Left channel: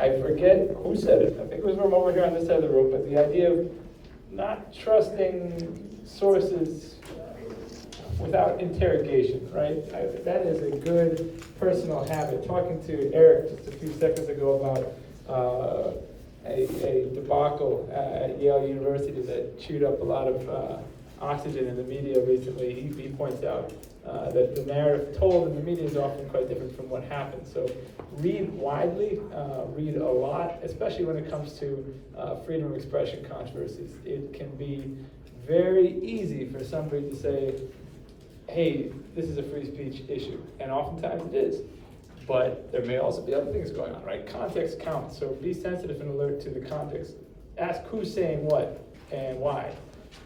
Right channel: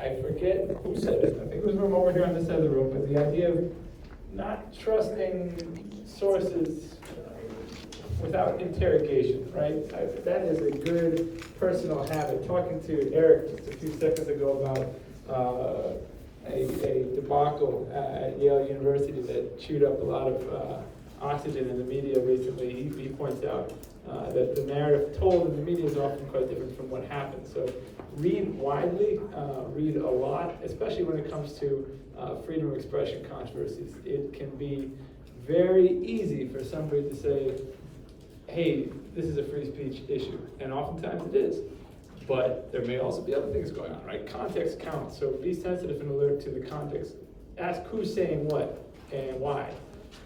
I forget who said it, I think it was from over here on this side of the room, but the idea of not trusting sources without interrogation, right? That is a good personal habit. Talking to Eric just a few seconds ago about a debacle at Yale University that chewed up a lot of oxygen in the media recently, he points out that the narrative told in the media is often quite different from what happened. So read widely, read a lot, especially when it comes to freedom of expression controversies. It can be very easy for somebody to say, hey, this is a free speech issue, and oftentimes it is. But there may also be other things going on, right? Context counts, so be sensitive and alert to the context. Ask who's saying what and why,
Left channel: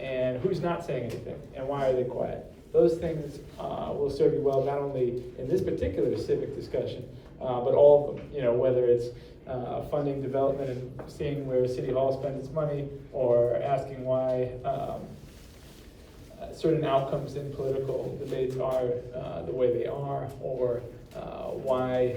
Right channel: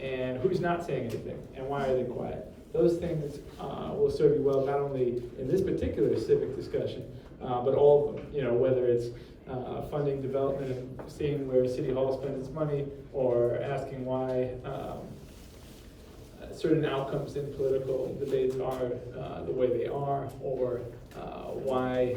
and who's not saying anything, and why are they quiet. Those things will serve you well, not only in this particular civic discussion, but all of them, you know, whether it's funding development and seeing where City Hall spends its money, or asking why certain outcomes in political debates are the way they are, or why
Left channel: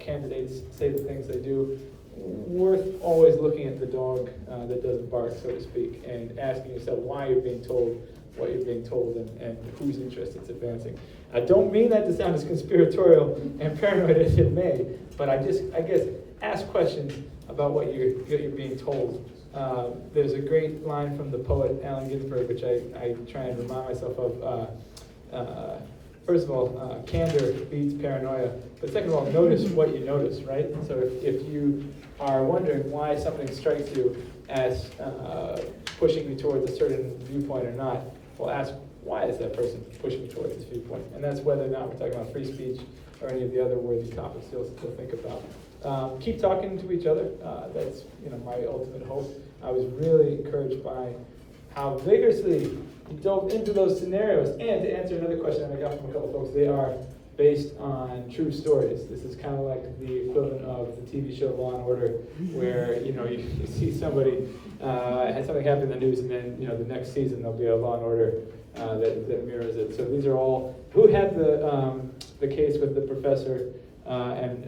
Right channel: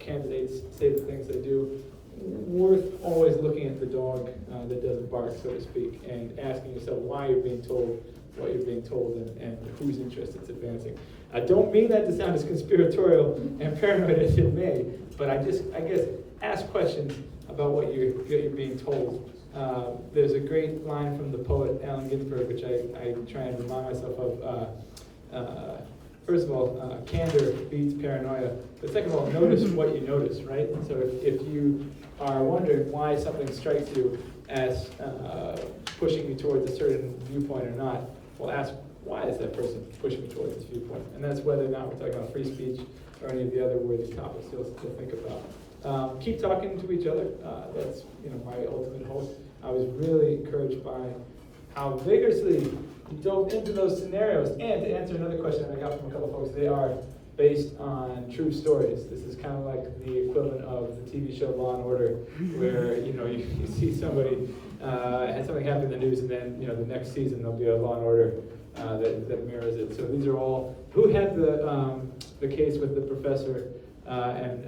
candidates say the things they do. Worth always looking at the dog that doesn't bark, so to speak, and asking yourself why you're being told what you're being told, and whose interest it's advancing. I don't mean that to sound as conspiratorial and paranoid as it may, but I guess ask questions about what you're being told. There's a great line from the poet Allen Ginsberg, which I try and remind myself of. First of all, candor beats paranoia. But second of all, notice what you notice, right? So if you are wondering why something strikes you as pushing you towards a certain viewpoint or not, well, ask why is that person pushing towards this viewpoint? And that's whether or not we're talking about free speech or any of the other worthy topics you'll think about. Keep talking to each other. That's my ultimate hope. I was really encouraged by how vigorously you dove into those scenarios. And to answer another question I got from a couple of folks, they are based on true stories. This is kind of like the equivalent of the TV show Law and Order, where you see somebody had something happen in the news, and then the next season there'll be a Law and Order that mirrors it. So these are all who had the case with the professor and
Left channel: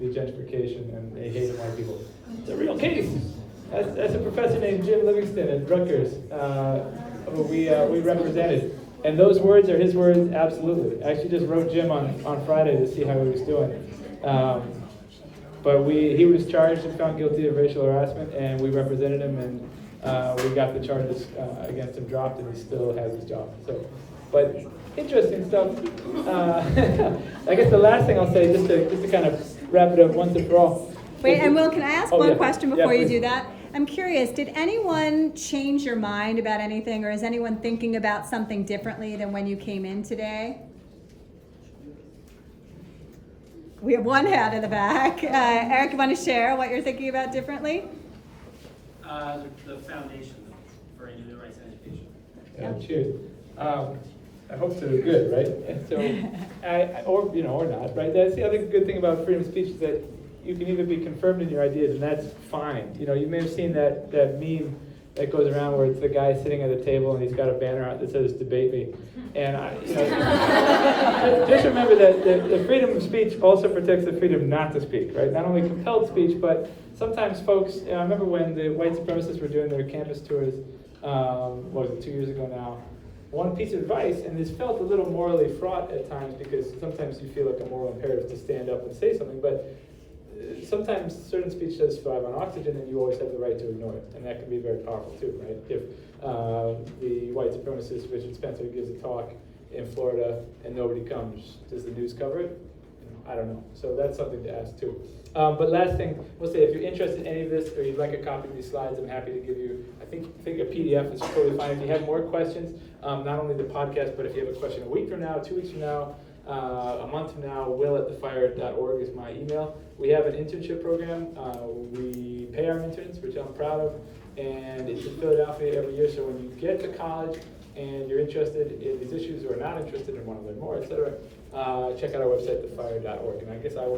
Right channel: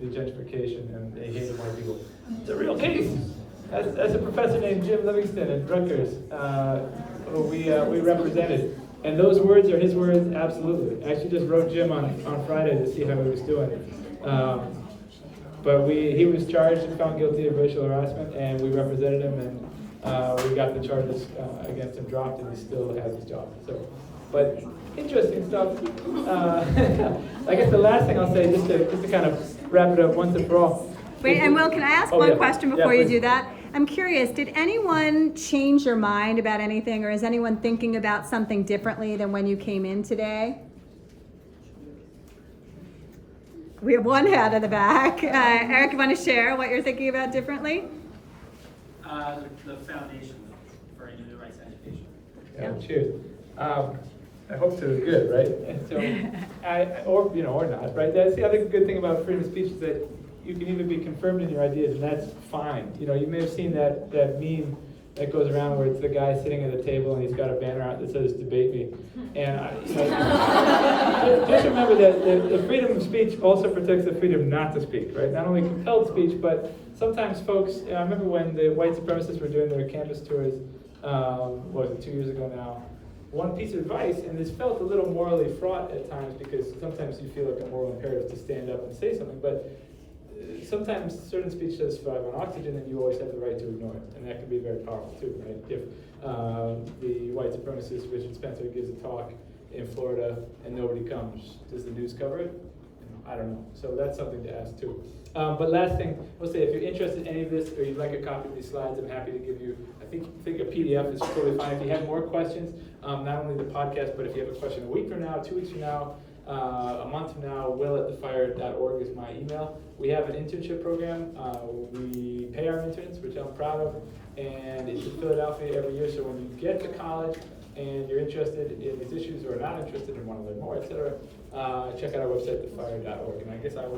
the gentrification, and they hated white people. It's a real case. That's a professor named Jim Livingston at Rutgers, who we represented. And those words are his words, absolutely. I actually just wrote Jim on Friday to see how he was doing. But he was charged and found guilty of racial harassment, and we represented him, and we got the charges against him dropped, and he still has his job. So, but interesting stuff. I guess the last thing I'll say, just to kind of wrap it up once and for all. Wait, and Will, can I ask one question before you please. do that? I'm curious, did anyone change your mind about anything, or is anyone thinking about something differently than when you came in today? We have one hand in the back. Eric, you want to share what you're thinking about differently? The foundation for the rights and education. Yeah, cheers. I hope so. Good, right? And so, or not, right? That's the other good thing about freedom of speech, is that you can even be confirmed in your ideas, and that's fine. You may have seen that meme that goes around where it's the guy sitting at a table and he's got a banner out that says "Debate me." And just remember that the freedom of speech also protects the freedom not to speak, right? Not only compelled speech, but sometimes folks. I remember when the white supremacists were doing their campus tours. What was it, 2 years ago now? One piece of advice, and this felt a little morally fraught at times, because sometimes you feel like a moral imperative to stand up and say something, but sometimes certain speech does thrive on oxygen, and you always have the right to ignore it, and that can be very powerful too, right? If the white supremacist Richard Spencer gives a talk in Florida and nobody comes, does the news cover it? I don't know. So that's something to ask too. But last thing, we'll say, if you're interested in any of this, or you'd like a copy of these slides, I'm happy to give you. I think a PDF is totally fine. If you have more questions, not only the podcast, but if you have a question a week from now, 2 weeks from now, a month from now, will@thefire.org is my email. We have an internship program. We pay our interns, which I'm proud of, and it's in Philadelphia every year. So when you get to college and you're interested in these issues, or not interested and want to learn more, etc., check out our website, thefire.org. And I guess I will